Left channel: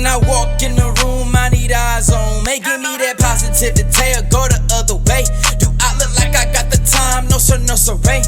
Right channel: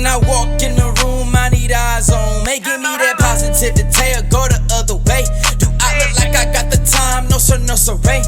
When I walk in the room, I need eyes on me. Give me that positivity or go the other way. Do I look like I got the time? No sir, no sir, Ray.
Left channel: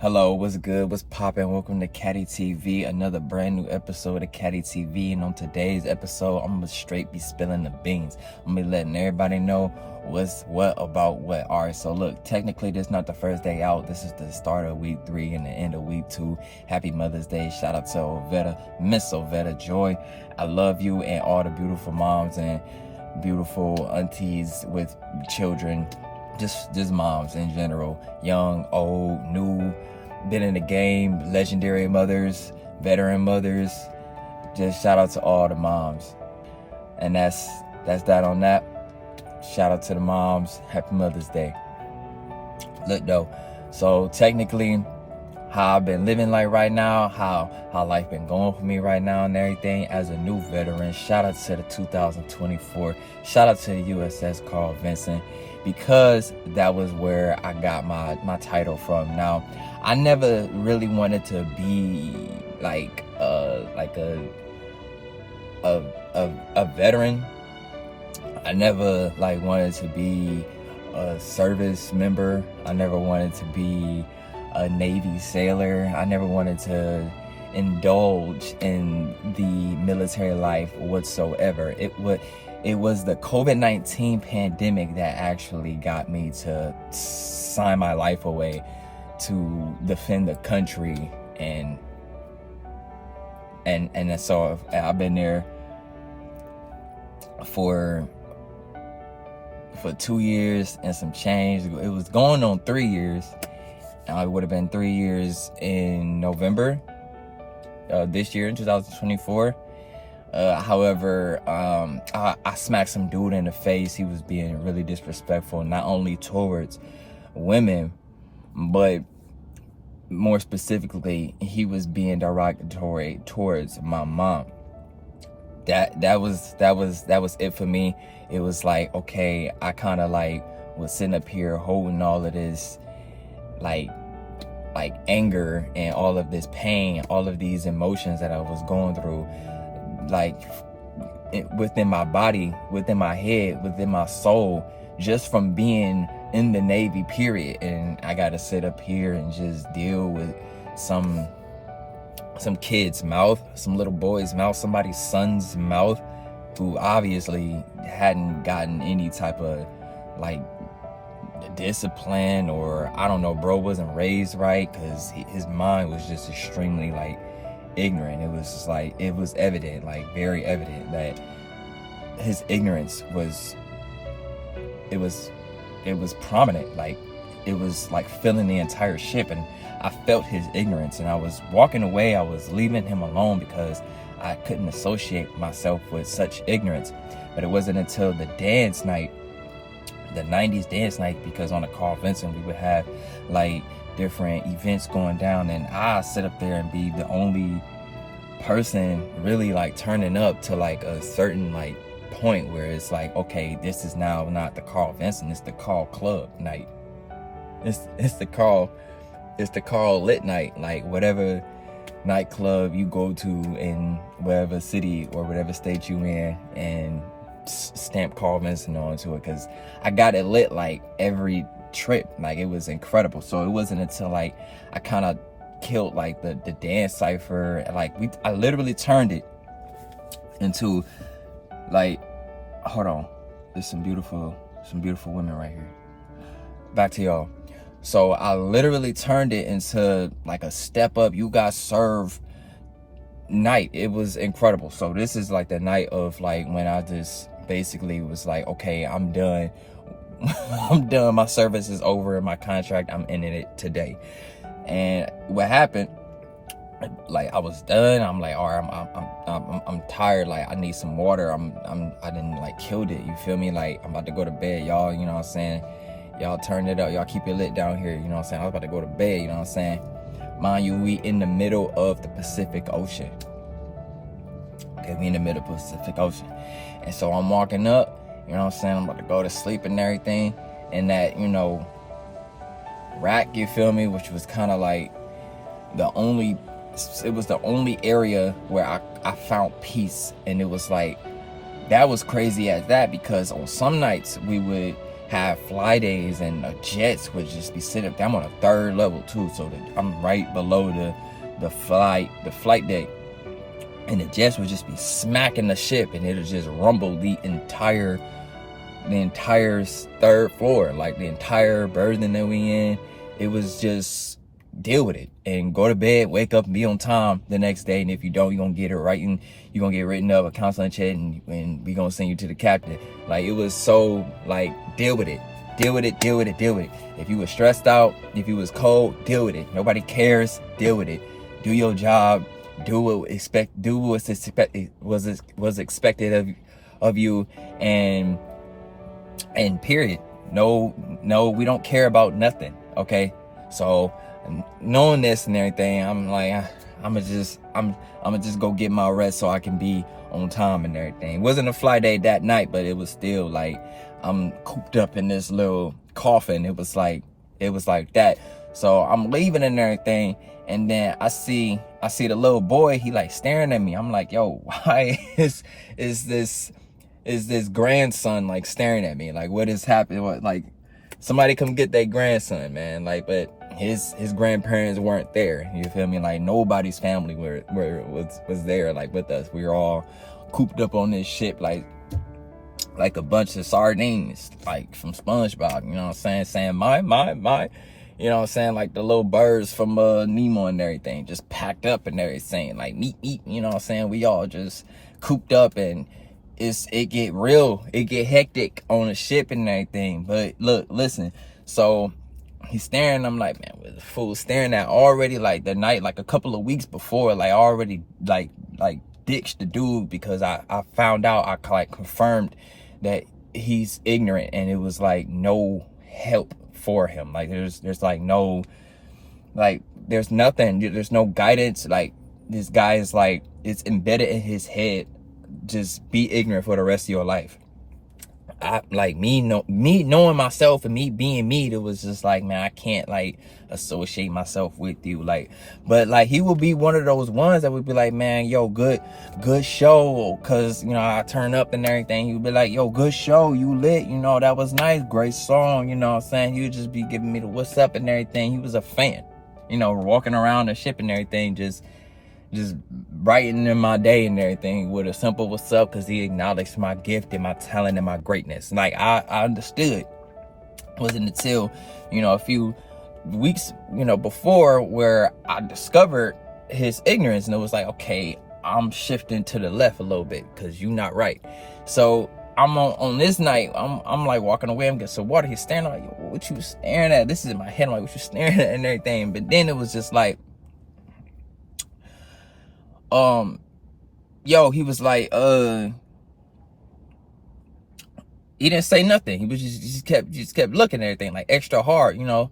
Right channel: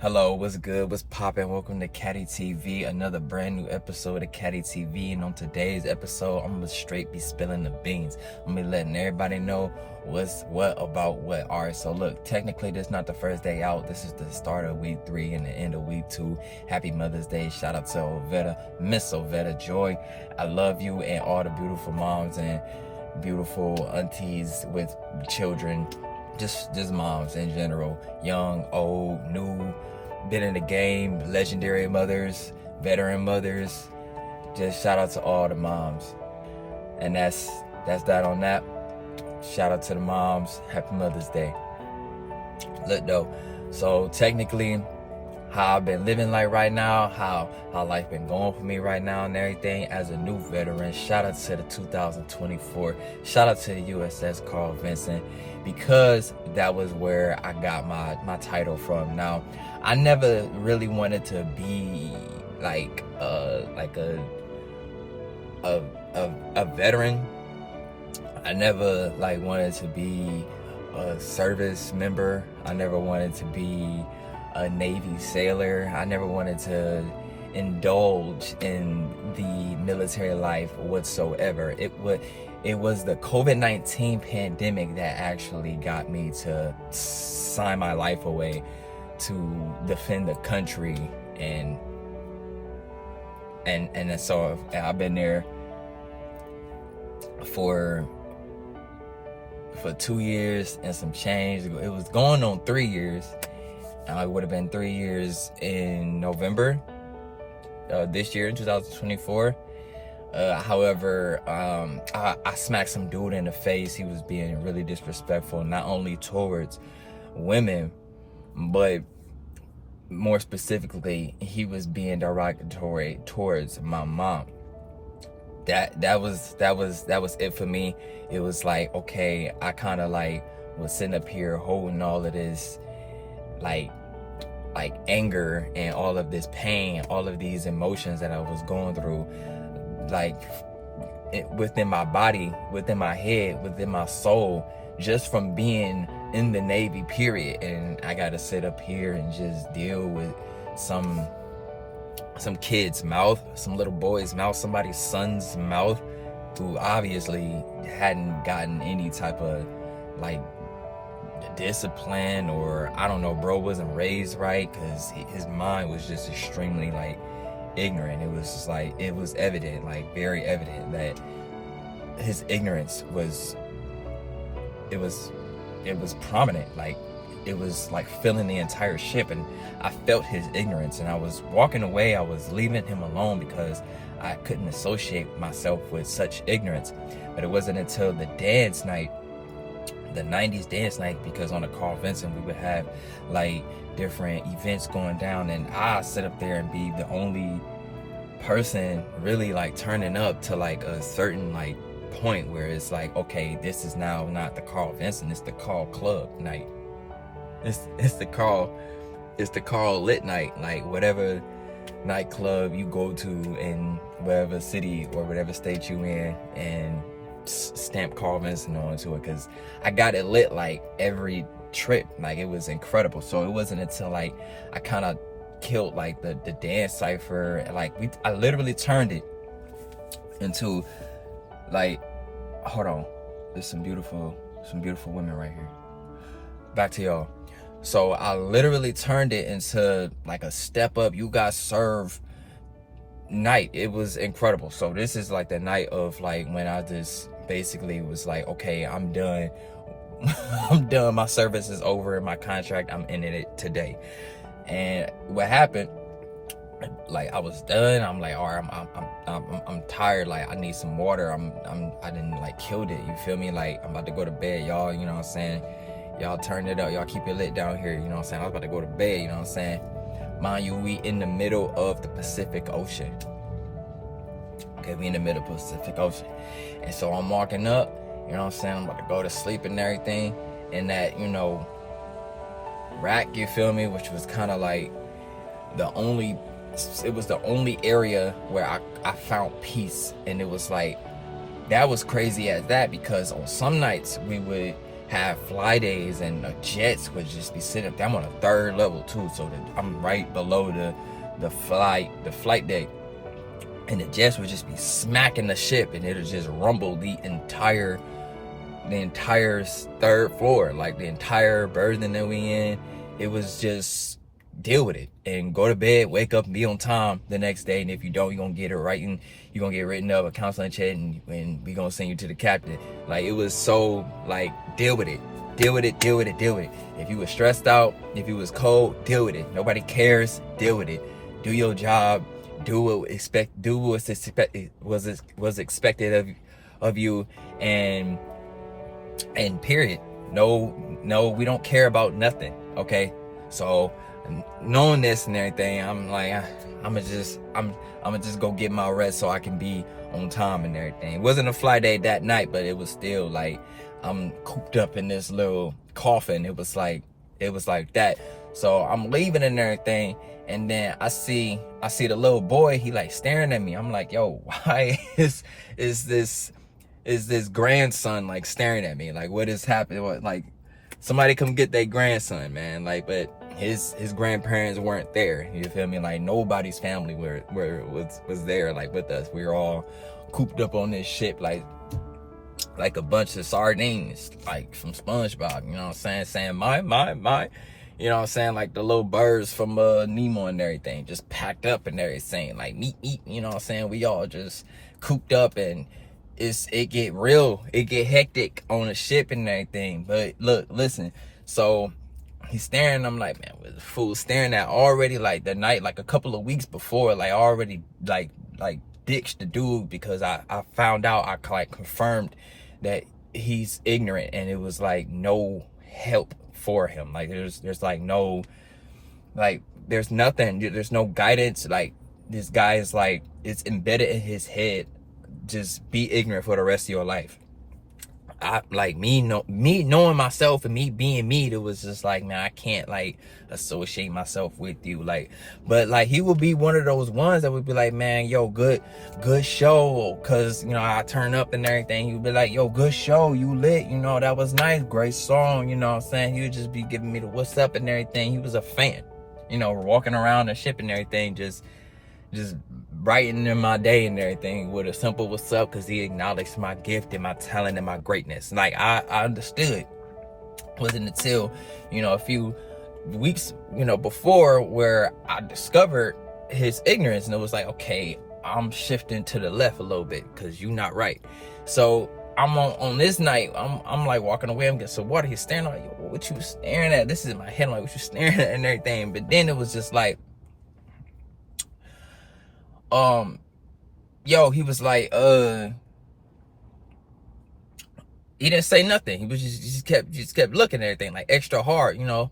Hello, what's good? What's poppin'? Welcome to Kaddy TV, another brand new episode of Kaddy TV. And on today's episode, I'm gonna straight be spilling the beans. I'm gonna be letting everybody know what's what about what. Alright, so look, technically this is not the first day out. This is the start of week 3 and the end of week 2. Happy Mother's Day. Shout out to Ovetta, Miss Ovetta Joy. I love you and all the beautiful moms and beautiful aunties with children. Just moms in general, young, old, new, been in the game, legendary mothers, veteran mothers. Just shout out to all the moms. And that's that on that. Shout out to the moms. Happy Mother's Day. Look though, so technically how I've been living like right now, how life been going for me right now and everything as a new veteran. Shout out to the 2024. Shout out to the USS Carl Vinson, because that was where I got my title from. Now, I never really wanted to be like a veteran. I never like wanted to be a service member. I never wanted to be a Navy sailor. I never wanted to indulge in the military life whatsoever. It was the COVID-19 pandemic that actually got me to sign my life away to defend the country, and so I've been there for 2 years and some change. It was going on 3 years. It would have been 3 years in November this year in 2024. However, I smacked some dude in the face. He was being really disrespectful, not only towards women, but more specifically, he was being derogatory towards my mom. That was it for me. It was like, okay, I kind of like was sitting up here holding all of this like anger and all of this pain, all of these emotions that I was going through, like within my body, within my head, within my soul, just from being in the Navy, period. And I gotta sit up here and just deal with some kid's mouth, some little boy's mouth, somebody's son's mouth, who obviously hadn't gotten any type of like discipline, or I don't know, bro wasn't raised right, because his mind was just extremely like ignorant. It was just like, it was evident, like very evident, that his ignorance was prominent. Like it was like filling the entire ship, and I felt his ignorance, and I was walking away. I was leaving him alone because I couldn't associate myself with such ignorance. But it wasn't until the dance night, the 90s dance night, because on the Carl Vinson we would have like different events going down, and I sit up there and be the only person really like turning up to like a certain like point where it's like, okay, this is now not the Carl Vinson, it's the Carl Club night. It's the Carl lit night, like whatever nightclub you go to in whatever city or whatever state you in, and stamp Carl Vinson onto it, because I got it lit like every trip. Like it was incredible. So it wasn't until like I kind of killed like the dance cipher, like I literally turned it into like, hold on, there's some beautiful women right here. Back to y'all. So I literally turned it into like a step up, you got served night. It was incredible. So this is like the night of like when I just basically was like, okay, I'm done. I'm done. My service is over. My contract, I'm ending it today. And what happened, like I was done. I'm like, all right, I'm tired. Like I need some water. I didn't like killed it. You feel me? Like I'm about to go to bed, y'all. You know what I'm saying? Y'all turn it up. Y'all keep it lit down here. You know what I'm saying? I was about to go to bed. You know what I'm saying? Mind you, we in the middle of the Pacific Ocean. Okay, we in the middle of the Pacific Ocean. And so I'm walking up, you know what I'm saying? I'm about to go to sleep and everything. And that, you know, rack, you feel me? Which was kind of like the only the only area where I found peace. And it was like, that was crazy at that, because on some nights we would have fly days and the jets would just be sitting up. I'm on a 3rd level too, so I'm right below the flight deck, and the jets would just be smacking the ship, and it'll just rumble the entire 3rd floor, like the entire building that we in. It was just, deal with it and go to bed, wake up and be on time the next day. And if you don't, you're gonna get it right, and you're gonna get written up, a counseling check, and we gonna send you to the captain. Like, it was so like, deal with it. If you was stressed out, if you was cold, deal with it. Nobody cares, deal with it. Do your job, do what's expected of you, and period. No, we don't care about nothing. Okay, so knowing this and everything, I'm like, I'm gonna just go get my rest so I can be on time and everything. It wasn't a fly day that night, but it was still like, I'm cooped up in this little coffin. It was like that. So I'm leaving and everything, and then I see the little boy. He like staring at me. I'm like, yo, why is this grandson like staring at me? Like, what is happening? What, like, somebody come get their grandson, man. Like, but his grandparents weren't there. You feel me? Like, nobody's family was there like with us. We were all cooped up on this ship like a bunch of sardines, like from SpongeBob. You know what I'm saying my, you know what I'm saying, like the little birds from Nemo and everything, just packed up and everything, like meat, you know what I'm saying. We all just cooped up, and it get hectic on the ship and everything. But look, listen, so he's staring. I'm like, man, what the fool staring at already? Like the night, like a couple of weeks before, like already like ditched the dude, because I found out, I like confirmed that he's ignorant, and it was like no help for him. Like there's like no, like there's nothing, there's no guidance. Like, this guy is like, it's embedded in his head, just be ignorant for the rest of your life. I like me knowing myself and me being me, it was just like, man, I can't like associate myself with you. Like, but like, he would be one of those ones that would be like, man, yo, good show, cause you know I turn up and everything. He would be like, yo, good show, you lit, you know, that was nice, great song, you know what I'm saying. He would just be giving me the what's up and everything. He was a fan, you know, walking around the ship and everything, just brightening in my day and everything with a simple what's up, because he acknowledged my gift and my talent and my greatness. Like, I understood. It wasn't until, you know, a few weeks, you know, before, where I discovered his ignorance, and it was like, okay, I'm shifting to the left a little bit, because you're not right. So I'm on this night, I'm like walking away, I'm getting some water. He's staring, like, what you staring at? This is in my head, I'm like, what you staring at and everything. But then it was just like, he was like, he didn't say nothing. He was just kept looking at everything like extra hard, you know.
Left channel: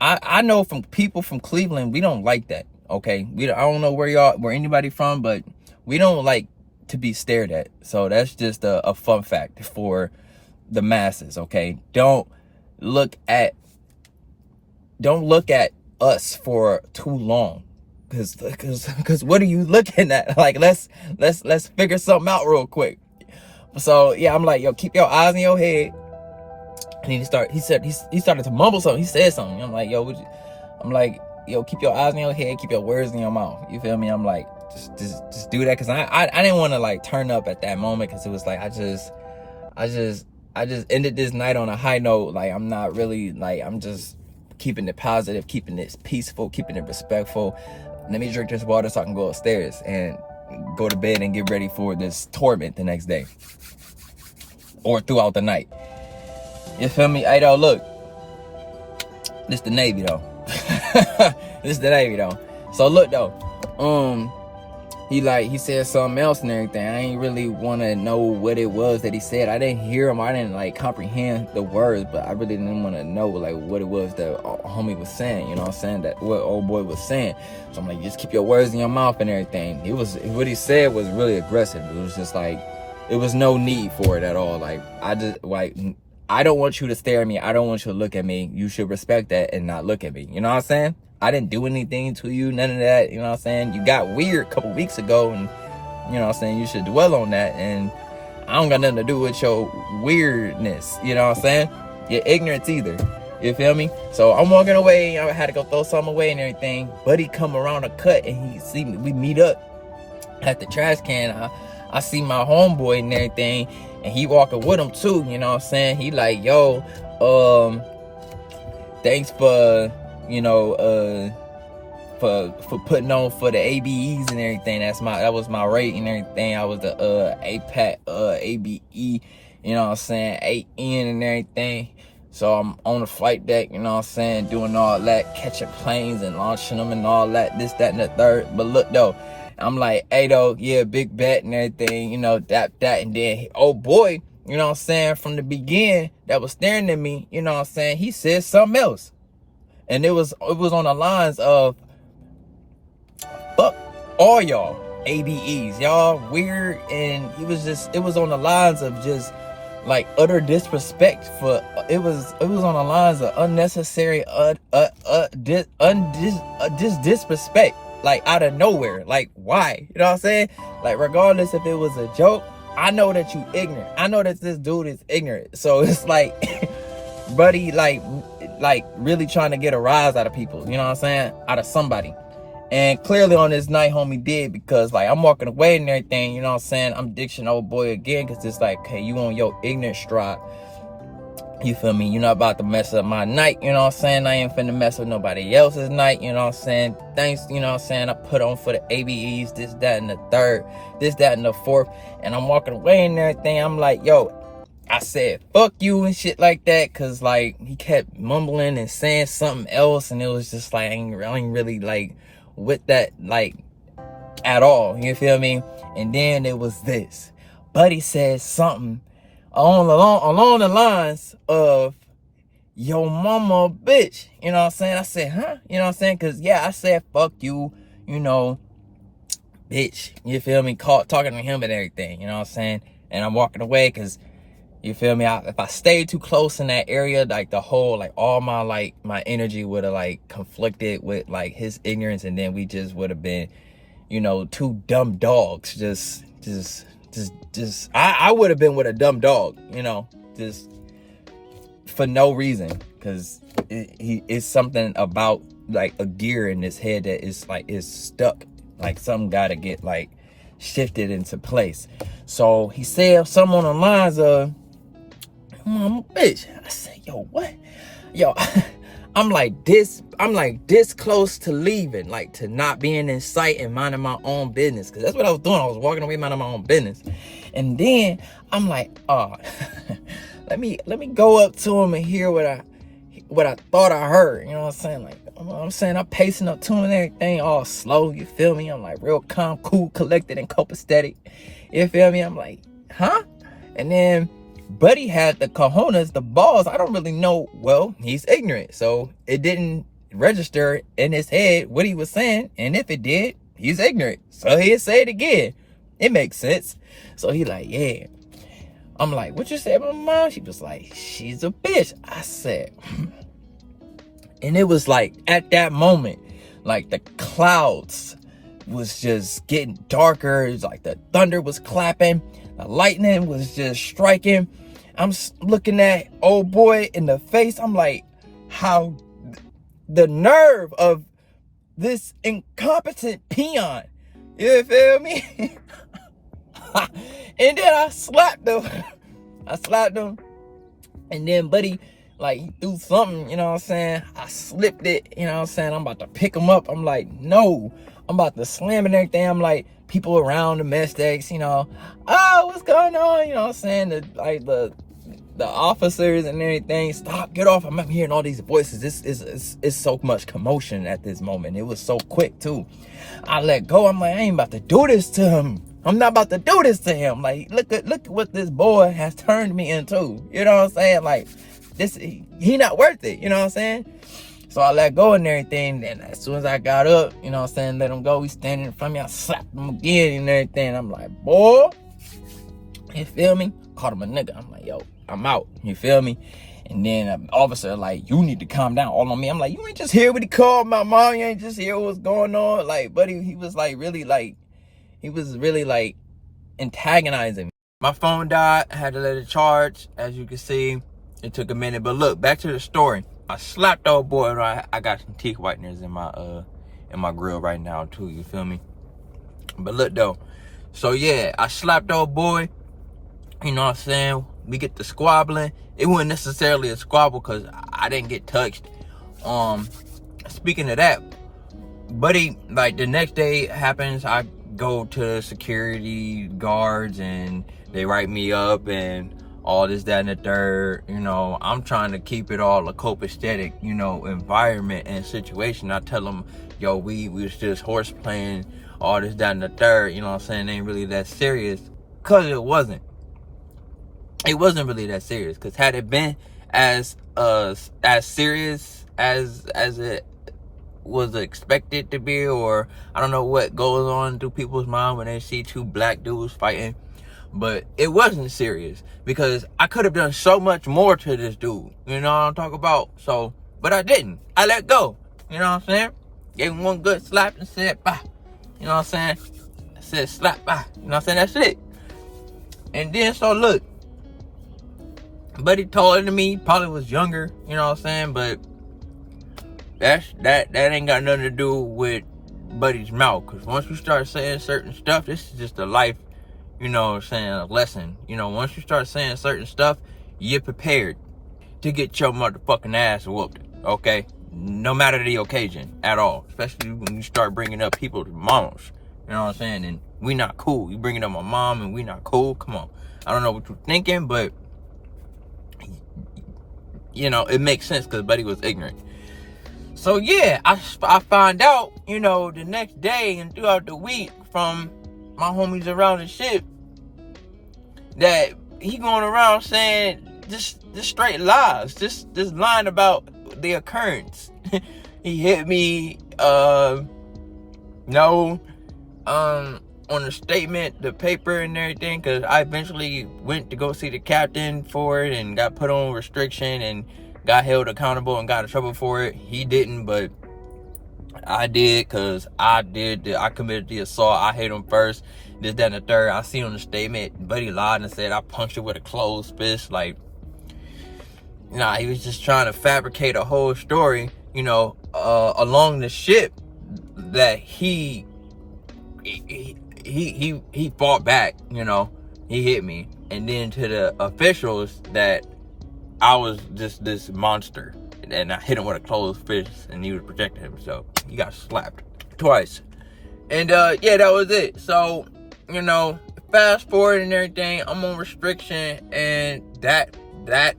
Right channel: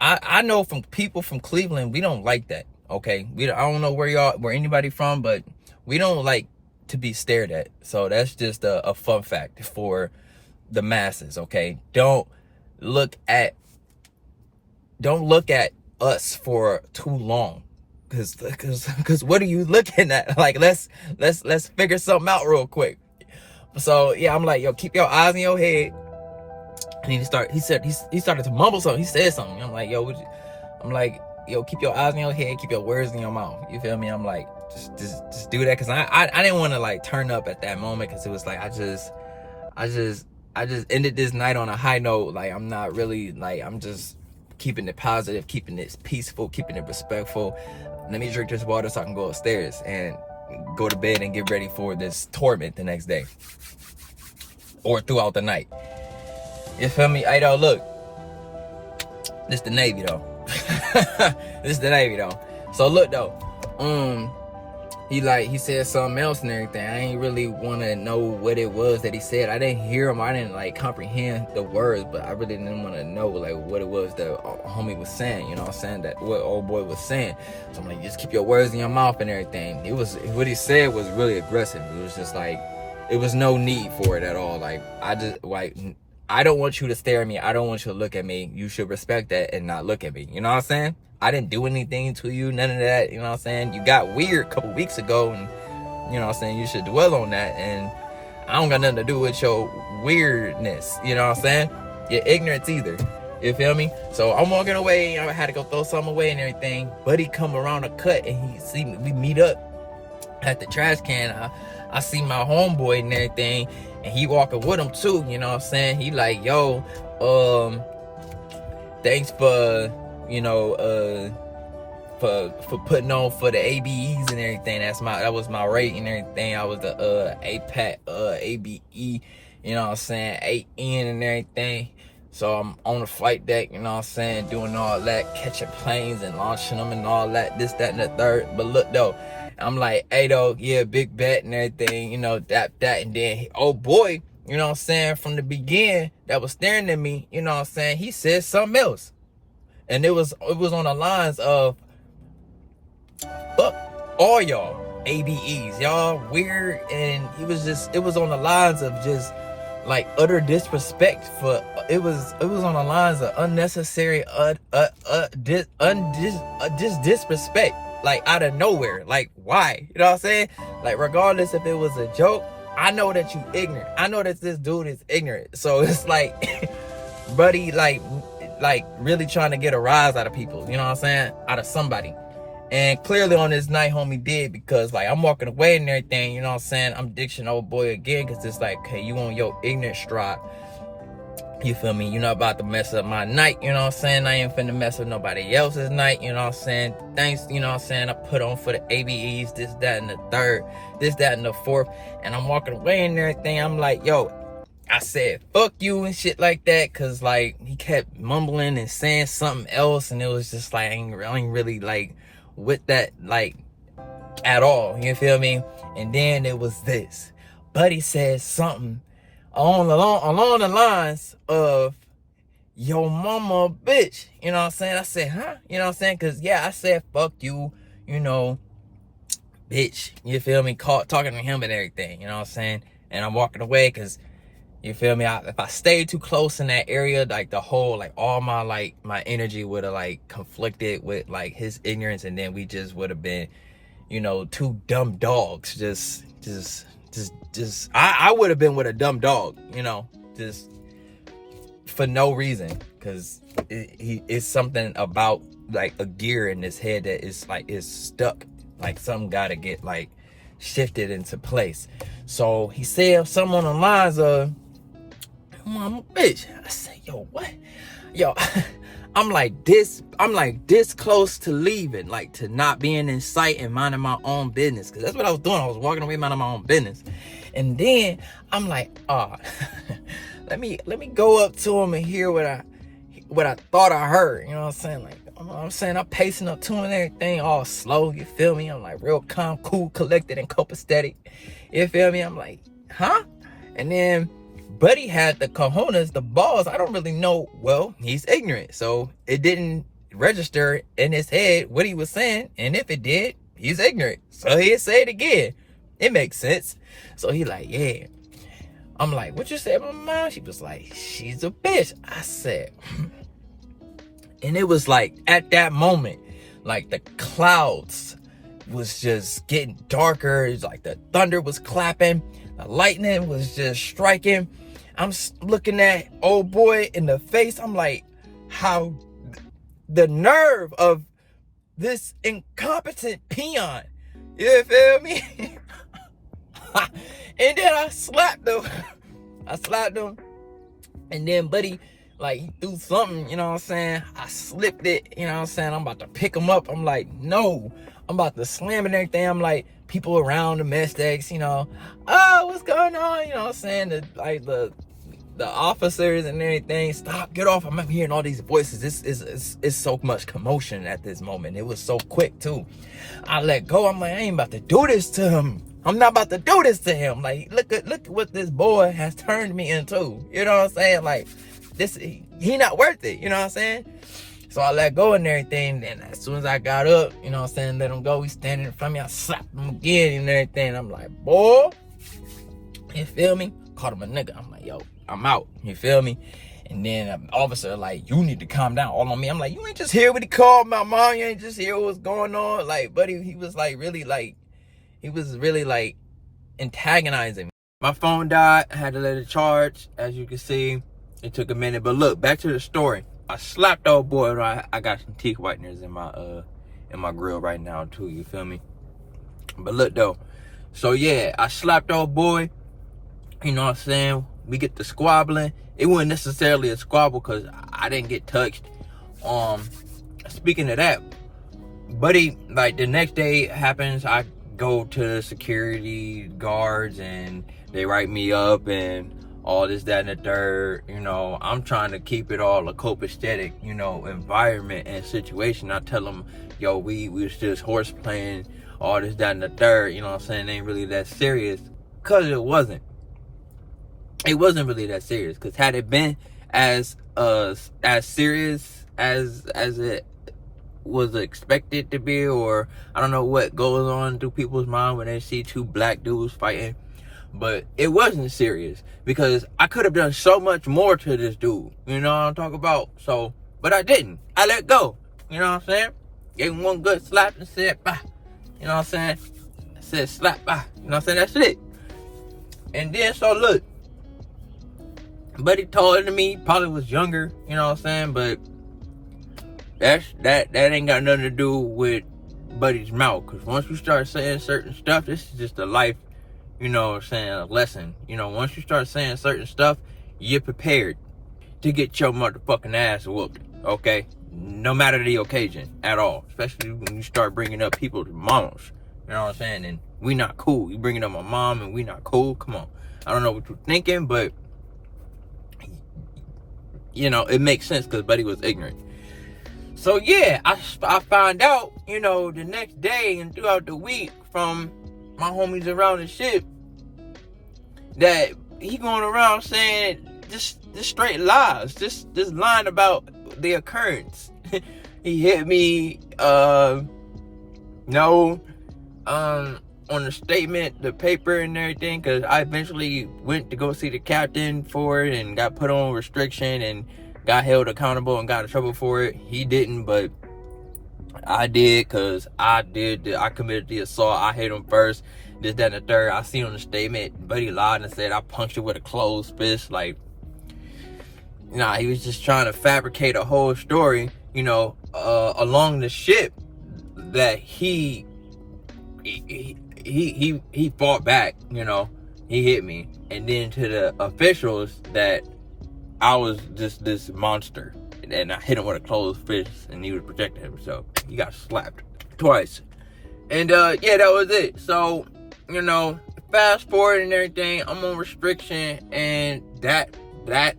I know from people from Cleveland, we don't like that. Okay, I don't know where anybody from, but we don't like to be stared at. So that's just a fun fact for the masses. Okay, don't look at us for too long. Cause what are you looking at? Like, let's figure something out real quick. So yeah, I'm like, yo, keep your eyes in your head. And he started to mumble something. He said something. I'm like, yo, keep your eyes in your head, keep your words in your mouth. You feel me? I'm like, just do that, cause I didn't want to like turn up at that moment, cause it was like I just ended this night on a high note. Like, I'm not really like, I'm just keeping it positive, keeping it peaceful, keeping it respectful. Let me drink this water so I can go upstairs and go to bed and get ready for this torment the next day or throughout the night. You feel me? Hey, though, look, this the Navy though. So look though, he said something else and everything. I ain't really want to know what it was that he said. I didn't hear him. I didn't like comprehend the words, but I really didn't want to know like what it was that homie was saying. You know what I'm saying? That what old boy was saying. So I'm like, just keep your words in your mouth and everything. What he said was really aggressive. It was just like, it was no need for it at all. Like, I just like, I don't want you to stare at me. I don't want you to look at me. You should respect that and not look at me. You know what I'm saying? I didn't do anything to you, none of that. You know what I'm saying? You got weird a couple weeks ago, and you know what I'm saying? You should dwell on that. And I don't got nothing to do with your weirdness. You know what I'm saying? Your ignorance either. You feel me? So I'm walking away. I had to go throw something away and everything. Buddy come around a cut and he see me. We meet up at the trash can. I see my homeboy and everything, and he walking with him too. You know what I'm saying? He like, yo, thanks for, you know, for putting on for the ABEs and everything. That was my rate and everything. I was the APAC ABE, you know what I'm saying, 8N and everything. So I'm on the flight deck, you know what I'm saying, doing all that, catching planes and launching them and all that, this, that, and the third. But look though, I'm like, hey though, yeah, big bet and everything, you know, that, and then, oh boy, you know what I'm saying, from the beginning, that was staring at me, you know what I'm saying, he said something else. And it was on the lines of, fuck all y'all ABEs, y'all weird. And it was on the lines of just like utter disrespect for, it was on the lines of unnecessary disrespect, like out of nowhere. Like, why? You know what I'm saying? Like, regardless if it was a joke, I know that you ignorant. I know that this dude is ignorant. So it's like, buddy, like really trying to get a rise out of people, you know what I'm saying? Out of somebody. And clearly on this night, homie did, because like I'm walking away and everything, you know what I'm saying? I'm dictioning old boy again, because it's like, hey, you on your ignorant stride. You feel me? You're not about to mess up my night, you know what I'm saying? I ain't finna mess up nobody else's night, you know what I'm saying? Thanks, you know what I'm saying? I put on for the ABEs, this, that, and the third, this, that, and the fourth. And I'm walking away and everything. I'm like, yo, I said, fuck you and shit like that, because like he kept mumbling and saying something else. And it was just like, I ain't really like with that, like, at all, you feel me? And then it was this. Buddy said something along the lines of, yo mama bitch, you know what I'm saying? I said, huh? You know what I'm saying? Because yeah, I said fuck you, you know, bitch, you feel me? Talking to him and everything, you know what I'm saying? And I'm walking away because, you feel me, if I stayed too close in that area, like the whole, like all my energy would have like conflicted with like his ignorance, and then we just would have been, you know, two dumb dogs. I would have been with a dumb dog, you know, just for no reason, because it's something about like a gear in his head that is stuck, like something got to get like shifted into place. So he said something on the lines of, I'm a bitch. I said, yo, what? Yo, I'm like this close to leaving, like to not being in sight and minding my own business. Cause that's what I was doing. I was walking away minding my own business. And then I'm like, let me go up to him and hear what I thought I heard. You know what I'm saying? Like, I'm pacing up to him and everything all slow. You feel me? I'm like real calm, cool, collected, and copacetic. You feel me? I'm like, huh? And then Buddy had the cojones, the balls. I don't really know. Well, he's ignorant. So it didn't register in his head what he was saying. And if it did, he's ignorant. So he'd say it again. It makes sense. So he like, yeah. I'm like, what you say about my mom? She was like, she's a bitch. I said, and it was like at that moment, like the clouds was just getting darker. It was like the thunder was clapping. The lightning was just striking. I'm looking at old boy in the face. I'm like, how the nerve of this incompetent peon. You feel me? And then I slapped him. And then Buddy, like, he threw something, you know what I'm saying? I slipped it, you know what I'm saying? I'm about to pick him up. I'm like, no. I'm about to slam and everything. I'm like, people around the mess decks, you know, what's going on? You know what I'm saying? The officers and everything, stop, get off. I'm hearing all these voices. It's so much commotion at this moment. It was so quick too. I let go. I'm like, I ain't about to do this to him. I'm not about to do this to him. Like, look at what this boy has turned me into. You know what I'm saying? Like, he not worth it. You know what I'm saying? So I let go and everything. Then as soon as I got up, you know what I'm saying, let him go. He standing in front of me. I slapped him again and everything. I'm like, boy, you feel me? Called him a nigga. I'm like, yo, I'm out. You feel me? And then all of a sudden, like, you need to calm down all on me. I'm like, you ain't just hear what he called my mom. You ain't just hear what's going on. Like, buddy, he was really like antagonizing me. My phone died. I had to let it charge. As you can see, it took a minute. But look, back to the story. I slapped the old boy. I got some teeth whiteners in my grill right now too. You feel me? But look though. So yeah, I slapped the old boy. You know what I'm saying? We get to squabbling. It wasn't necessarily a squabble because I didn't get touched. Speaking of that, buddy, like the next day happens, I go to security guards and they write me up and all this, that, and the third. You know, I'm trying to keep it all a copacetic, you know, environment and situation. I tell them, yo, we was just horse playing, all this, that, and the third. You know what I'm saying? It ain't really that serious. Because it wasn't. It wasn't really that serious. Because had it been as serious as it was expected to be, or I don't know what goes on through people's mind when they see two black dudes fighting, but it wasn't serious because I could have done so much more to this dude. You know what I'm talking about? So, but I didn't. I let go. You know what I'm saying? Gave him one good slap and said, bah. You know what I'm saying? I said, slap, bah. You know what I'm saying? That's it. And then, so look, buddy taller than me, probably was younger, you know what I'm saying? But that ain't got nothing to do with buddy's mouth. Because once you start saying certain stuff, this is just a life, you know what I'm saying, a lesson. You know, once you start saying certain stuff, you're prepared to get your motherfucking ass whooped, okay? No matter the occasion at all. Especially when you start bringing up people's mamas. You know what I'm saying? And we not cool. You bringing up my mom and we not cool? Come on. I don't know what you're thinking, but you know, it makes sense because buddy was ignorant. So yeah, I find out, you know, the next day and throughout the week from my homies around the ship that he going around saying just straight lies, just lying about the occurrence. He hit me, on the statement, the paper and everything, because I eventually went to go see the captain for it and got put on restriction and got held accountable and got in trouble for it. He didn't, but I did, because I committed the assault. I hit him first, this, that, and the third. I seen on the statement, buddy lied and said I punched it with a closed fist. Like, nah, he was just trying to fabricate a whole story, you know, along the ship that he fought back, you know, he hit me. And then to the officials that I was just this monster. And I hit him with a closed fist and he was protecting himself. He got slapped twice. And yeah, that was it. So, you know, fast forward and everything, I'm on restriction, and that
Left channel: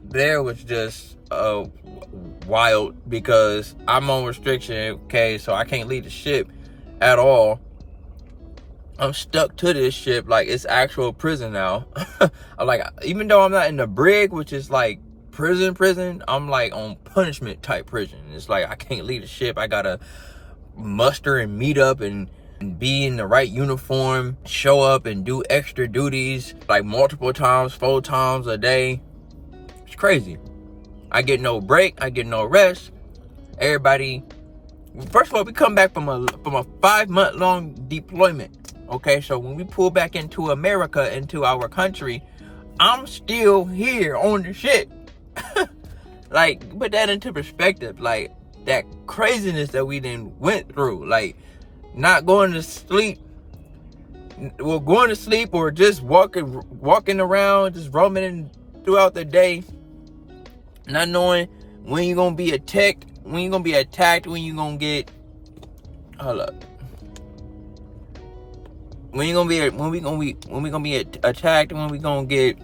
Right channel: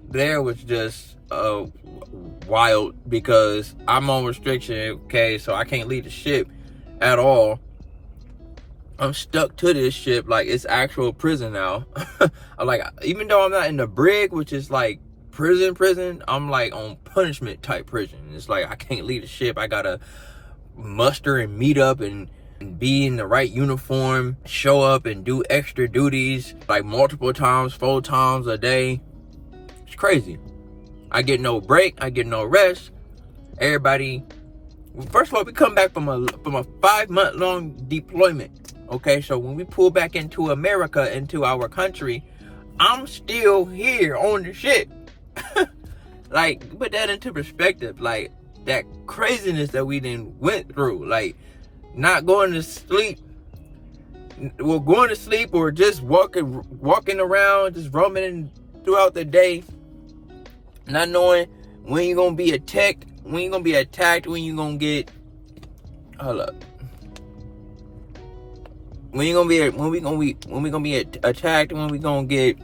there was just wild because I'm on restriction, okay, so I can't leave the ship at all. I'm stuck to this ship like it's actual prison now. I'm like, even though I'm not in the brig, which is like prison, I'm like on punishment type prison. It's like I can't leave the ship. I gotta muster and meet up and be in the right uniform, show up and do extra duties like multiple times, 4 times a day. It's crazy. I get no break, I get no rest. Everybody, first of all, we come back from a 5-month-long deployment. Okay, so when we pull back into America, into our country, I'm still here on the ship. Like, put that into perspective. Like, that craziness that we then went through. Like, not going to sleep. Well, going to sleep or just walking around, just roaming throughout the day. Not knowing when you're going to be attacked, when you're going to be attacked, when you're going to get... Hold up. When we gonna be attacked, when we gonna get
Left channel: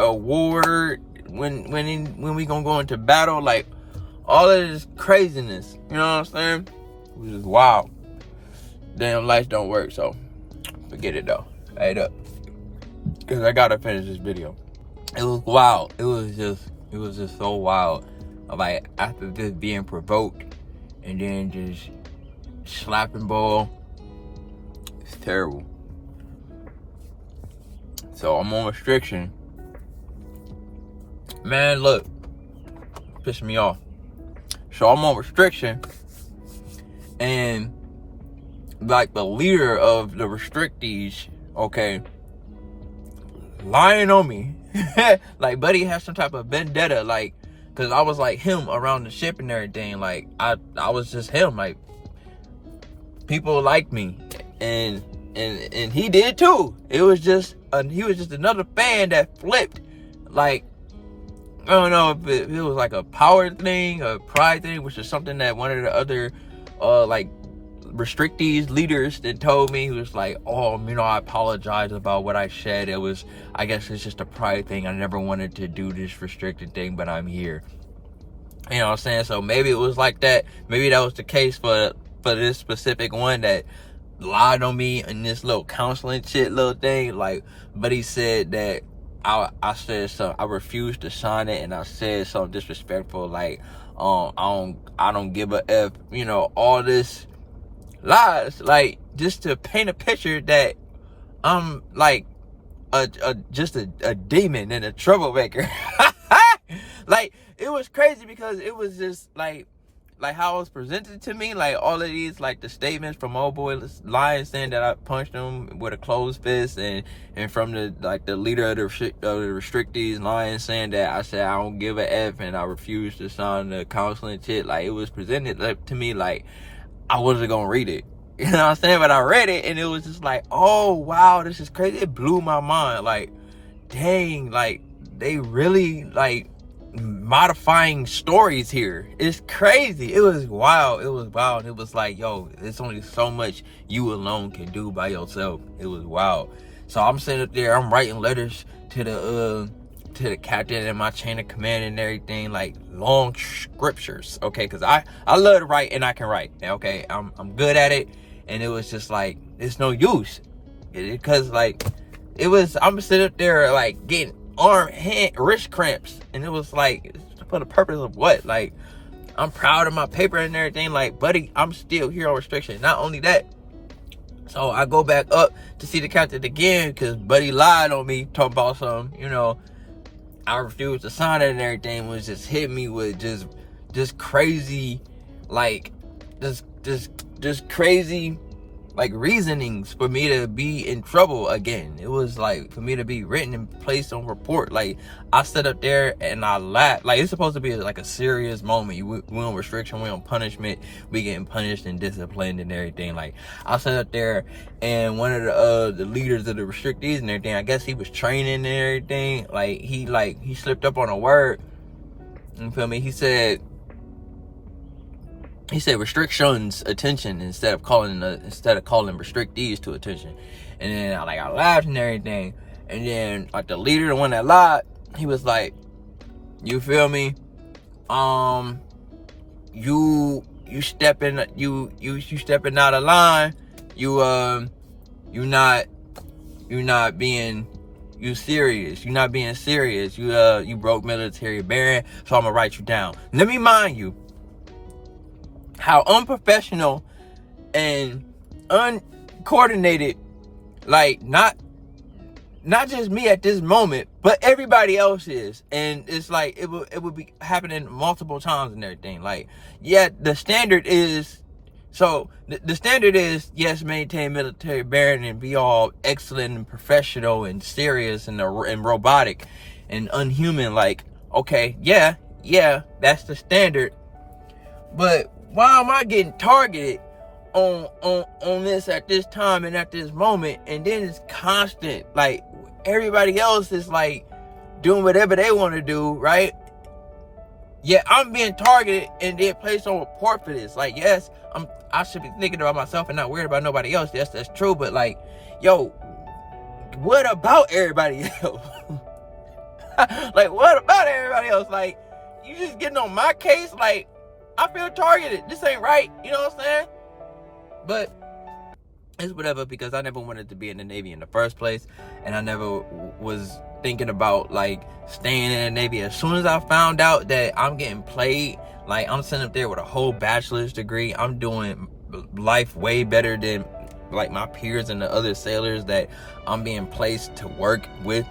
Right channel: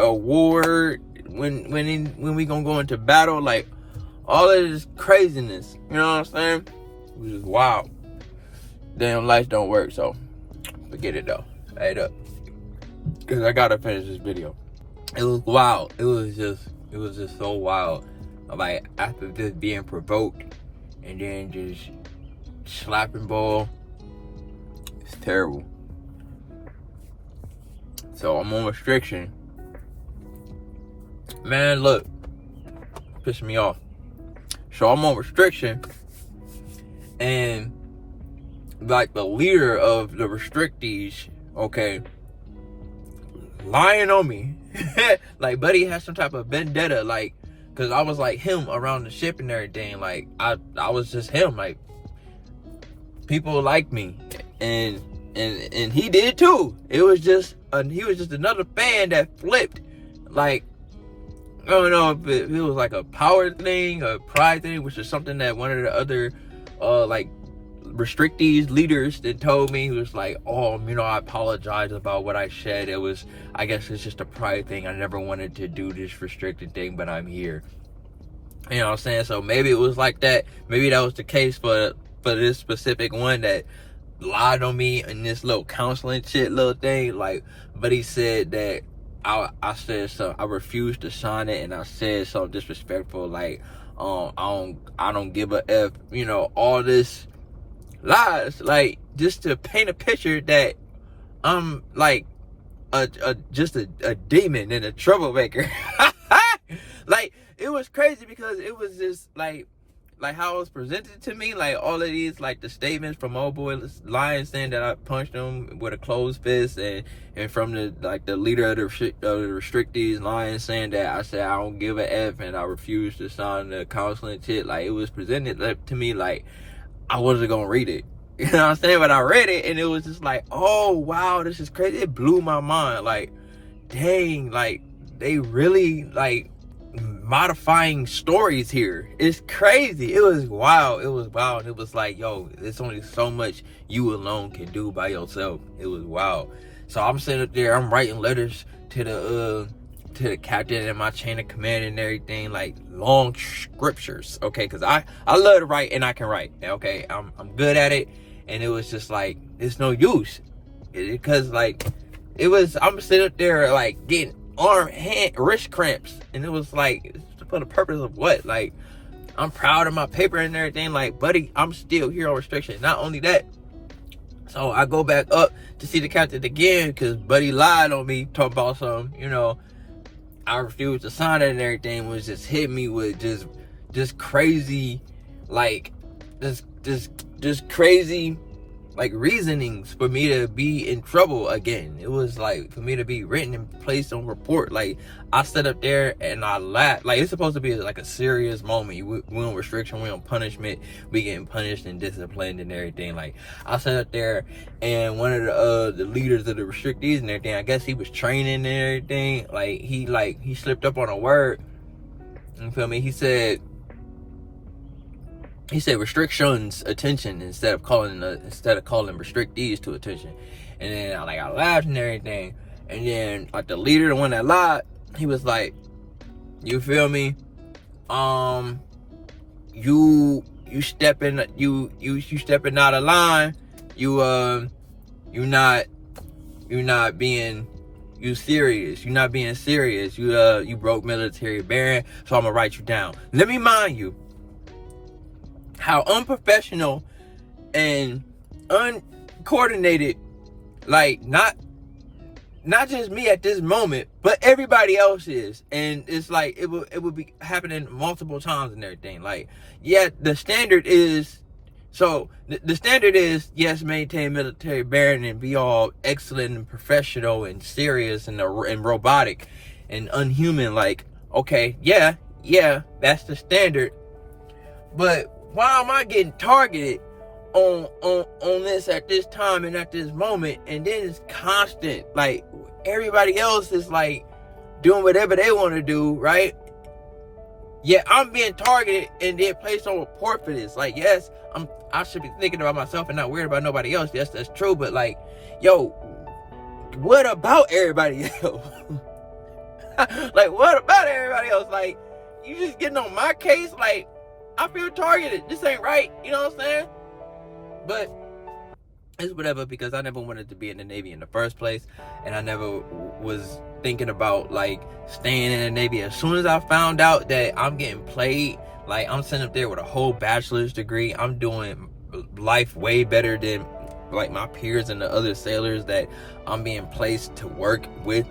a war, when we gonna go into battle, like all of this craziness, you know what I'm saying? It was just wild. Damn, lights don't work, so forget it though. Hey up, because I gotta finish this video. It was wild. It was just so wild. Like after just being provoked and then just slapping bull. It's terrible. So I'm on restriction. Man, look, pissing me off. So I'm on restriction, and like the leader of the restrictees, okay, lying on me. Like, buddy has some type of vendetta, like, cause I was like him around the ship and everything. Like, I was just him. Like, people like me, and he did too. It was just he was just another fan that flipped. Like, I don't know if it was like a power thing, a pride thing, which is something that one of the other like restrictees leaders that told me. He was like, oh, you know, I apologize about what I said. It was, I guess it's just a pride thing. I never wanted to do this restricted thing, but I'm here. You know what I'm saying? So maybe it was like that. Maybe that was the case for this specific one that lied on me in this little counseling shit little thing. Like, but he said that I said something, I refused to sign it, and I said something disrespectful, like, I don't give a F, you know, all this lies, like, just to paint a picture that I'm like just a demon and a troublemaker. Like, it was crazy because it was just like how it was presented to me, like all of these, like the statements from old boy lying, saying that I punched him with a closed fist, and from the leader of the restrictees lying, saying that I said I don't give a F and I refuse to sign the counseling shit. Like, it was presented to me like I wasn't gonna read it. You know what I'm saying? But I read it, and it was just like, oh wow, this is crazy. It blew my mind. Like, dang, like they really like modifying stories here. It's crazy. It was wild. It was wild. It was like, yo, there's only so much you alone can do by yourself. It was wild. So I'm sitting up there, I'm writing letters to the captain and my chain of command and everything, like long scriptures, okay, because I love to write, and I can write, okay, I'm good at it. And it was just like, it's no use, because like I'm sitting up there like getting wrist cramps, and it was like, for the purpose of what? Like, I'm proud of my paper and everything, like, buddy, I'm still here on restriction. Not only that, so I go back up to see the captain again, because buddy lied on me, talking about something, you know, I refused to sign it and everything, was just hit me with just crazy, like, just crazy, like, reasonings for me to be in trouble again. It was like, for me to be written and placed on report. Like, I sat up there and I laughed. Like, it's supposed to be like a serious moment. We on restriction, we on punishment, we getting punished and disciplined and everything. Like, I sat up there, and one of the leaders of the restrictees and everything, I guess he was training and everything. Like, he slipped up on a word. You feel me? He said restrictions attention instead of calling restrictees to attention. And then I laughed and everything. And then like the leader, the one that lied, he was like, you feel me? You stepping out of line. You're not being serious. You're not being serious. You broke military bearing, so I'm gonna write you down. Let me mind you how unprofessional and uncoordinated, like, not just me at this moment, but everybody else is. And it's like, it would be happening multiple times and everything. Like, yeah, the standard is, the standard is, yes, maintain military bearing and be all excellent and professional and serious and robotic and unhuman. Like, okay, yeah, that's the standard. But why am I getting targeted on this at this time and at this moment? And then it's constant. Like, everybody else is like doing whatever they want to do, right? Yeah, I'm being targeted and then placed on report for this. Like, yes, I should be thinking about myself and not worried about nobody else. Yes, that's true. But like, yo, what about everybody else? Like, what about everybody else? Like, you just getting on my case? Like, I feel targeted. This ain't right. You know what I'm saying? But it's whatever, because I never wanted to be in the Navy in the first place. And I never was thinking about, like, staying in the Navy. As soon as I found out that I'm getting played, like, I'm sitting up there with a whole bachelor's degree. I'm doing life way better than, like, my peers and the other sailors that I'm being placed to work with.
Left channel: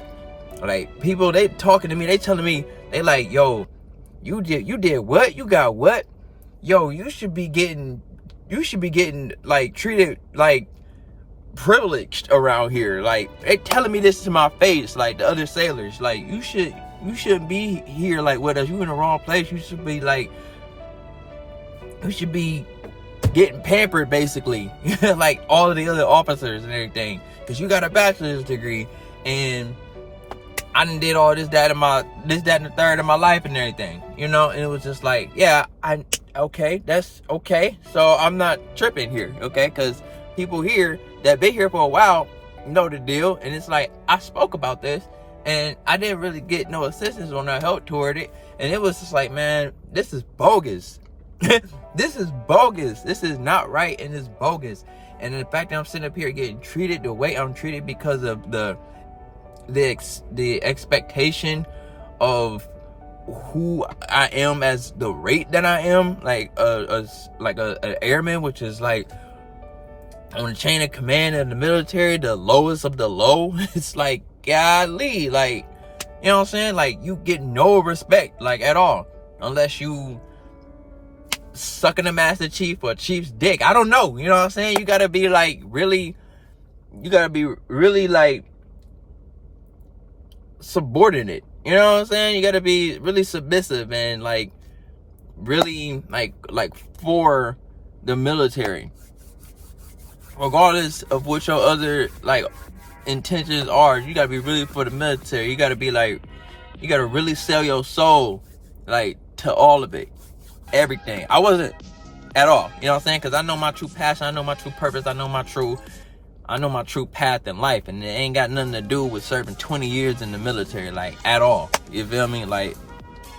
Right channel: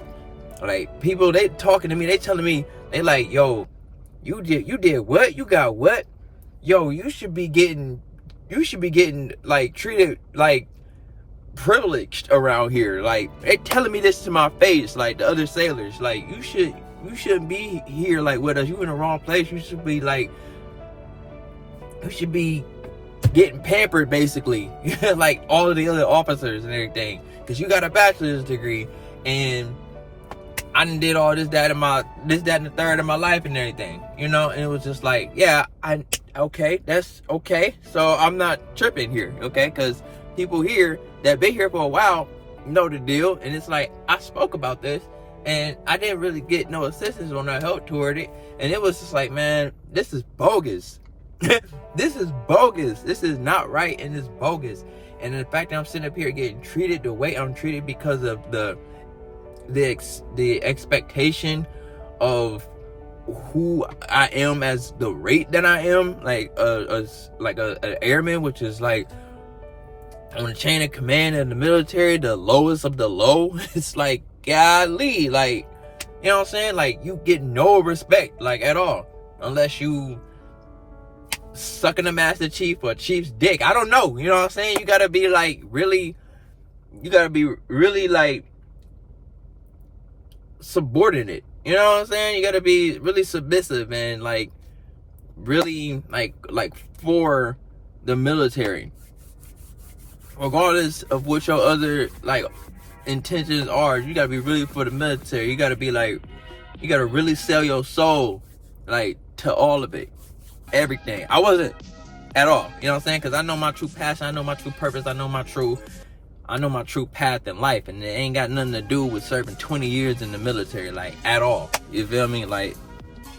Like, people, they talking to me, they telling me, They like, yo, you did what? You got what? Yo, you should be getting like treated like privileged around here. Like, they telling me this to my face, like the other sailors, like, you shouldn't be here like with us. You in the wrong place. You should be like, you should be getting pampered basically, like all of the other officers and everything, because you got a bachelor's degree and I done did all this, that, and the third of my life and everything, you know. And it was just like, yeah, okay, that's okay. So I'm not tripping here, okay? Because people here that been here for a while know the deal. And it's like, I spoke about this and I didn't really get no assistance or no help toward it. And it was just like, man, this is bogus. This is bogus. This is not right, and it's bogus. And the fact that I'm sitting up here getting treated the way I'm treated because of the expectation of who I am as the rate that I am, like an airman, which is like on the chain of command in the military, the lowest of the low. It's like, golly, like, you know what I'm saying? Like, you get no respect, like, at all, unless you sucking the Master Chief or Chief's dick. I don't know, you know what I'm saying? You gotta be like really like subordinate, you know what I'm saying? You gotta be really submissive and like really like for the military, regardless of what your other like intentions are. You gotta be really for the military. You gotta be like, you gotta really sell your soul like to all of it, everything. I wasn't at all, you know what I'm saying? Because I know my true passion, I know my true purpose, I know my true path in life, and it ain't got nothing to do with serving 20 years in the military, like, at all. You feel me? Like,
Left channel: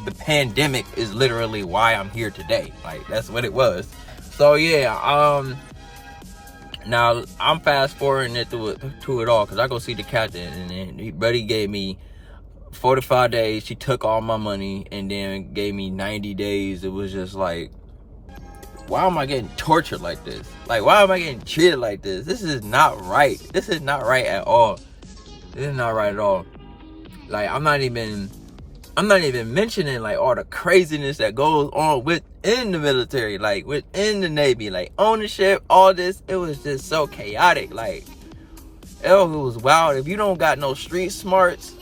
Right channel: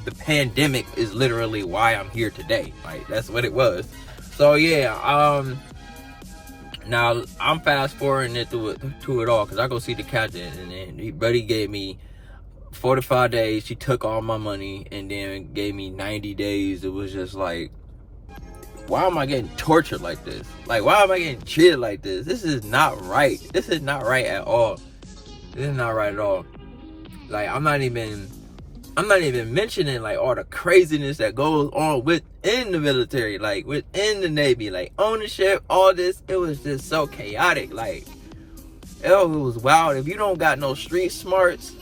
the pandemic is literally why I'm here today. Like, that's what it was. So yeah, now I'm fast forwarding it to it all, because I go see the captain, and then buddy gave me 45 days. She took all my money and then gave me 90 days. It was just like, why am I getting tortured like this? Like, why am I getting treated like this? This is not right. This is not right at all. This is not right at all. Like, I'm not even mentioning like all the craziness that goes on within the military, like within the Navy, like ownership, all this. It was just so chaotic. Like, it was wild. If you don't got no street smarts,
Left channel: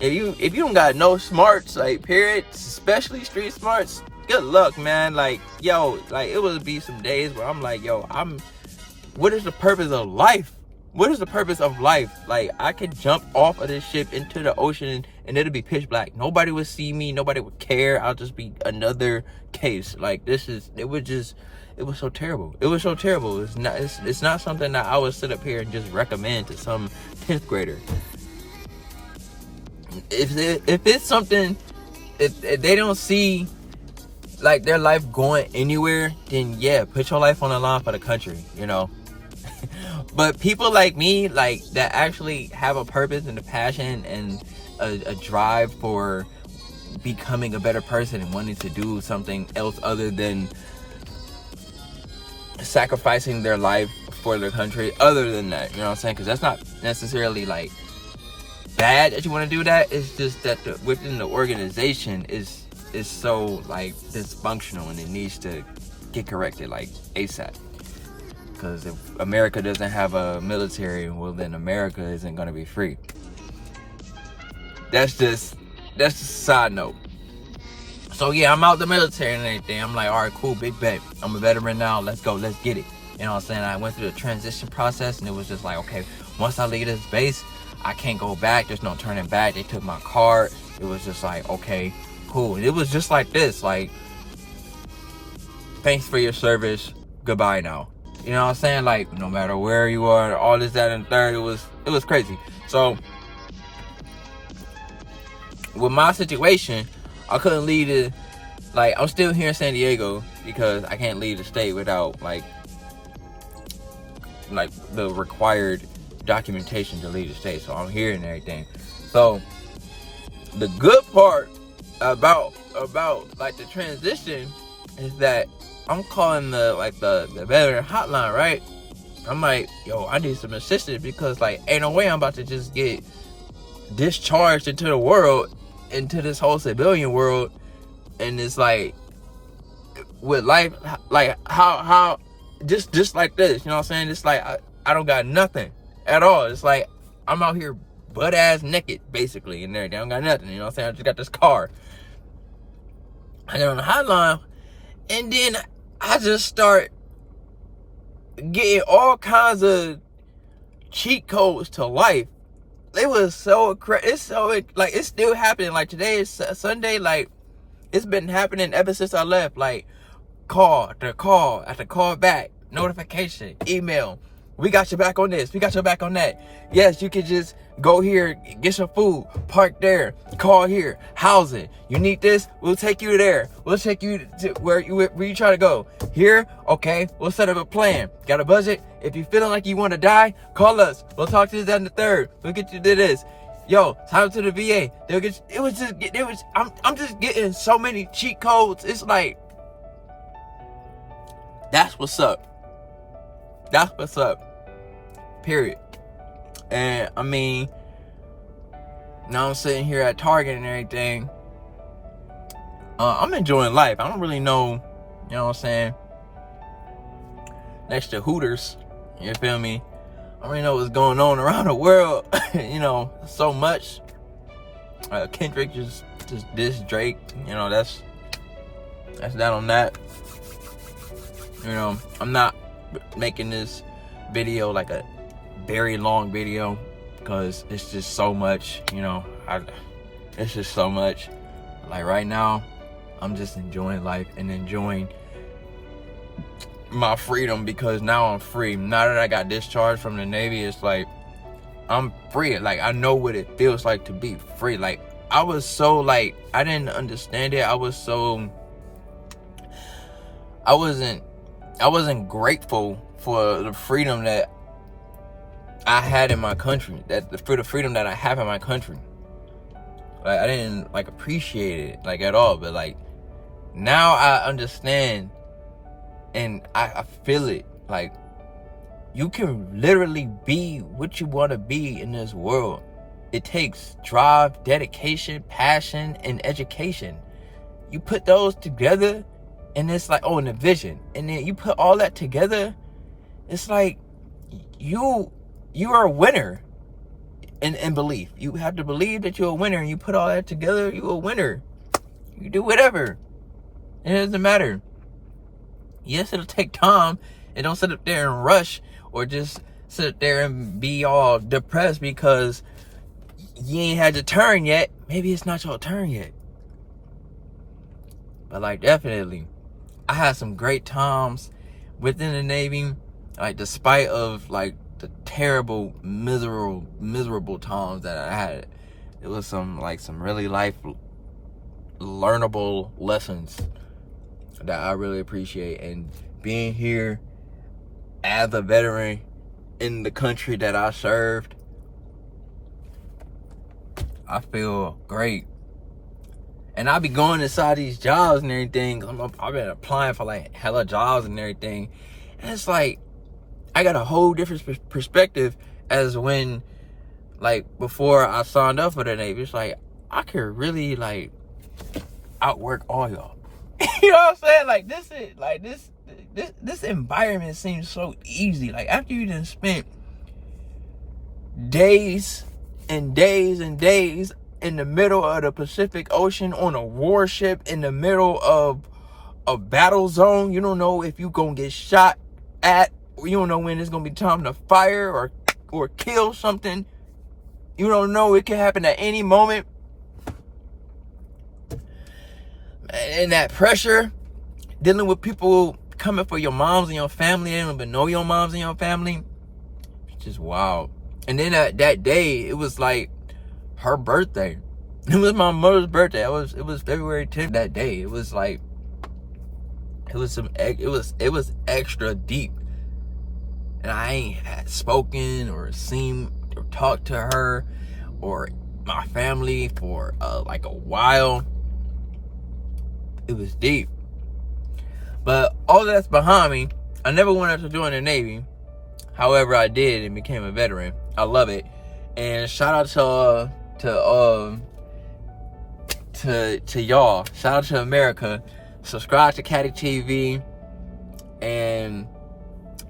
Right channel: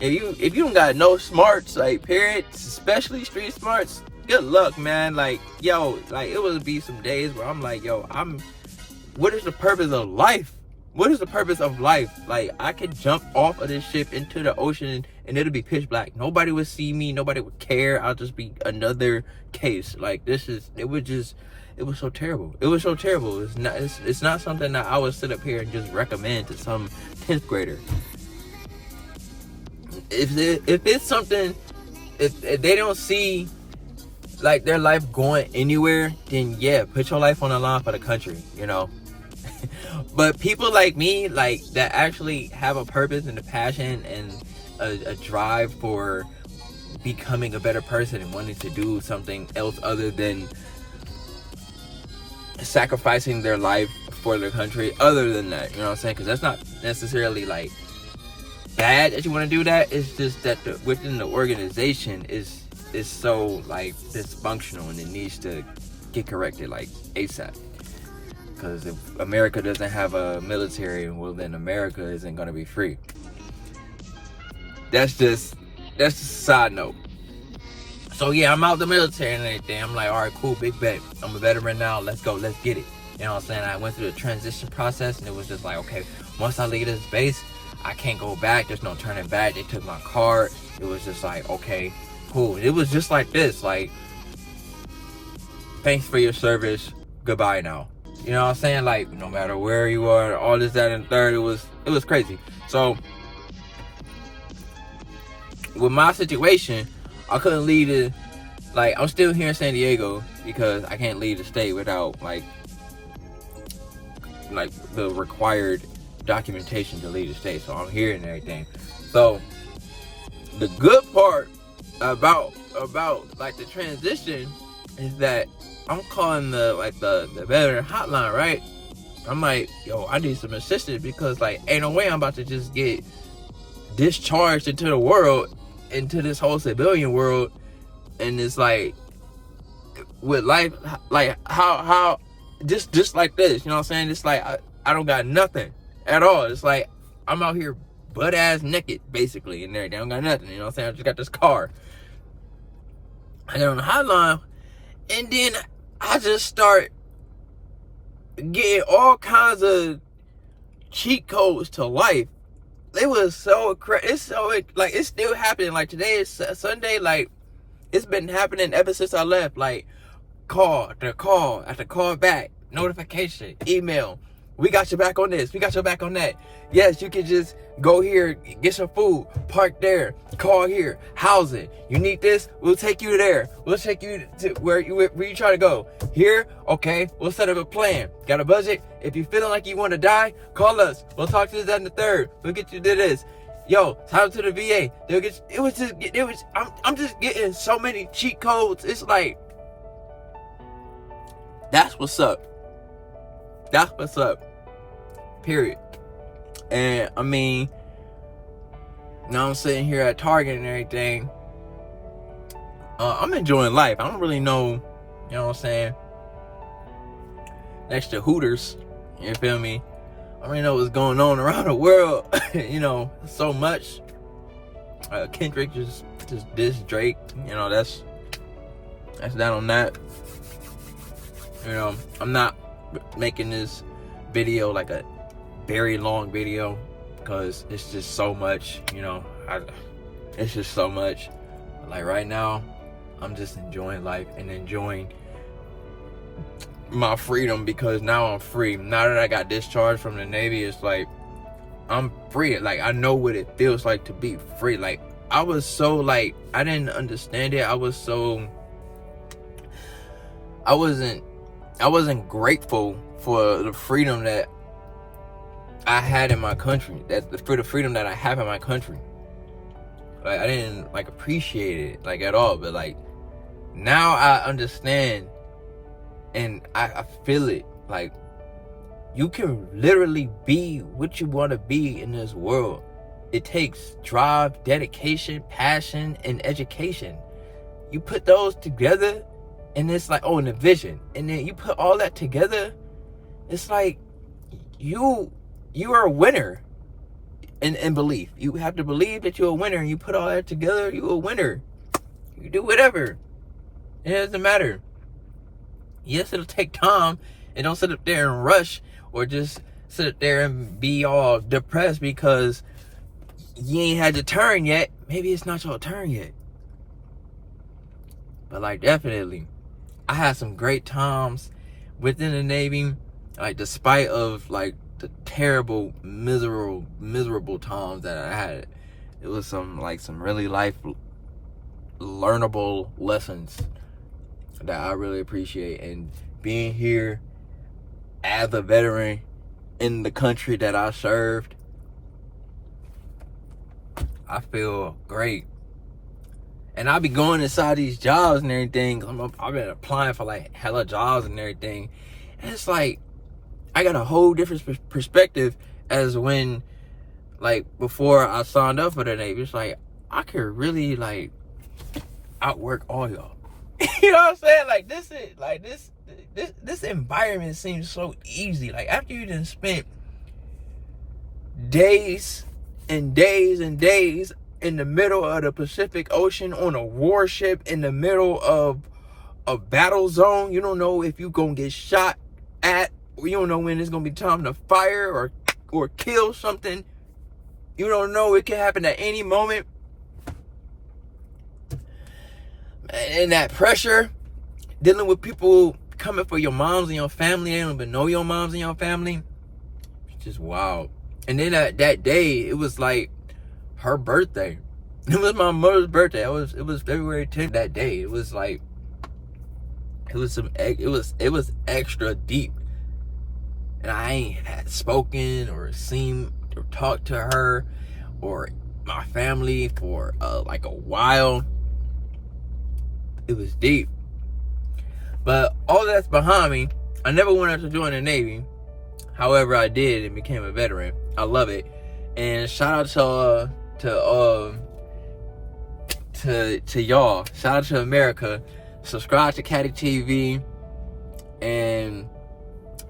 if you don't got no smarts, like, period, especially street smarts, good luck, man. Like, yo, like, it would be some days where I'm like, yo, what is the purpose of life? What is the purpose of life? Like, I could jump off of this ship into the ocean and it'll be pitch black. Nobody would see me. Nobody would care. I'll just be another case. Like, it was so terrible. It was so terrible. It's not something that I would sit up here and just recommend to some 10th grader. If it's something, if they don't see like their life going anywhere, then yeah, put your life on the line for the country, you know. But people like me, like, that actually have a purpose and a passion and a drive for becoming a better person and wanting to do something else other than sacrificing their life for their country, other than that, you know what I'm saying? Because that's not necessarily like bad that you want to do that. It's just that within the organization is so like dysfunctional, and it needs to get corrected like ASAP. Because if America doesn't have a military, well, then America isn't going to be free. That's just a side note. So yeah, I'm out the military and everything. I'm like, all right, cool, big bet. I'm a veteran now. Let's go. Let's get it. You know what I'm saying? I went through the transition process, and it was just like, okay, once I leave this base, I can't go back. There's no turning back. They took my card. It was just like, okay, cool. It was just like this, like, thanks for your service. Goodbye now. You know what I'm saying? Like, no matter where you are, all this, that, and third, it was crazy. So, with my situation, I couldn't leave it. Like, I'm still here in San Diego because I can't leave the state without, like the required documentation to leave the state. So I'm here and everything. So, the good part about like the transition is that I'm calling the veteran hotline, right? I'm like, yo, I need some assistance because, like, ain't no way I'm about to just get discharged into the world into this whole civilian world, and it's like with life, like how just like this, you know what I'm saying? It's like I don't got nothing at all. It's like I'm out here butt ass naked basically and everything. I don't got nothing, you know what I'm saying? I just got this car. I get on the hotline, and then I just start getting all kinds of cheat codes to life. It was so it's so like it's still happening. Like today is Sunday. Like it's been happening ever since I left. Like call after call back, notification, email. We got your back on this. We got your back on that. Yes, you can just go here, get some food, park there, call here, housing. You need this? We'll take you there. We'll take you to where you try to go. Here? Okay, we'll set up a plan. Got a budget? If you're feeling like you want to die, call us. We'll talk to you, that, and the third. We'll get you to this. Yo, time to the VA. They'll get you. I'm just getting so many cheat codes. It's like, that's what's up. That's what's up. Period. And I mean, now I'm sitting here at Target and everything. I'm enjoying life. I don't really know, you know what I'm saying? Next to Hooters, you feel me? I don't really know what's going on around the world. You know, so much. Kendrick just dissed Drake. You know, that's that on that. You know, I'm not making this video like a very long video because it's just so much, you know. It's just so much. Like right now, I'm just enjoying life and enjoying my freedom, because now I'm free. Now that I got discharged from the Navy, it's like I'm free. Like I know what it feels like to be free. Like I was so like I didn't understand it. I wasn't grateful for the freedom that I had in my country, for the freedom that I have in my country. Like I didn't like appreciate it like at all, but like now I understand and I feel it. Like you can literally be what you want to be in this world. It takes drive, dedication, passion, and education. You put those together, and it's like, oh, and a vision. And then you put all that together, it's like you are a winner in belief. You have to believe that you're a winner, and you put all that together, you're a winner. You do whatever. It doesn't matter. Yes, it'll take time. And don't sit up there and rush or just sit up there and be all depressed because you ain't had your turn yet. Maybe it's not your turn yet. But like definitely, I had some great times within the Navy. Like despite of like the terrible, miserable times that I had, it was some really life learnable lessons that I really appreciate. And being here as a veteran in the country that I served, I feel great. And I be going inside these jobs and everything. I've been applying for like hella jobs and everything. And it's like, I got a whole different perspective as when, like, before I signed up for the Navy. It's like, I could really, like, outwork all y'all. You know what I'm saying? Like, this environment seems so easy. Like, after you done spent days and days and days in the middle of the Pacific Ocean on a warship in the middle of a battle zone, you don't know if you're gonna get shot at, or you don't know when it's gonna be time to fire or kill something. You don't know, it can happen at any moment. And that pressure, dealing with people coming for your moms and your family, they don't even know your moms and your family. It's just wild. And then that day, it was like her birthday. It was my mother's birthday. It was February 10th. That day, it was like, it was extra deep. And I ain't spoken or seen or talked to her or my family for like a while. It was deep. But all that's behind me. I never wanted to join the Navy. However, I did and became a veteran. I love it. And shout out to to y'all. Shout out to America. Subscribe to Kaddy TV and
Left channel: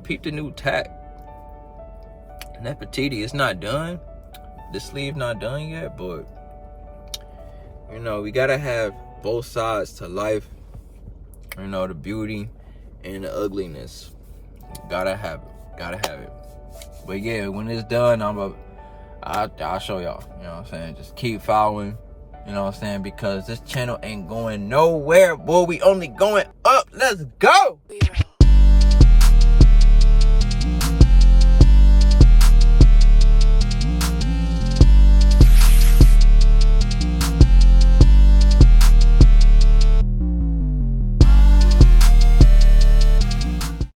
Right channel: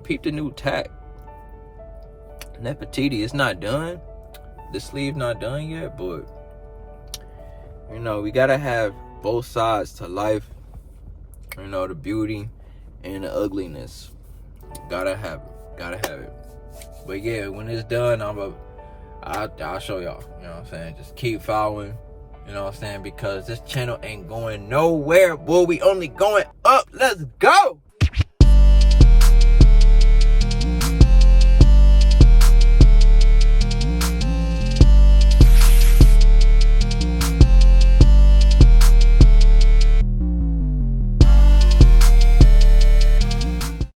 peep the new tack. Nefertiti, it's not done. The sleeve not done yet, but you know, we gotta have both sides to life. You know, the beauty and the ugliness. Gotta have it. But yeah, when it's done, I'll show y'all. You know what I'm saying? Just keep following. You know what I'm saying? Because this channel ain't going nowhere, boy. We only going up. Let's go.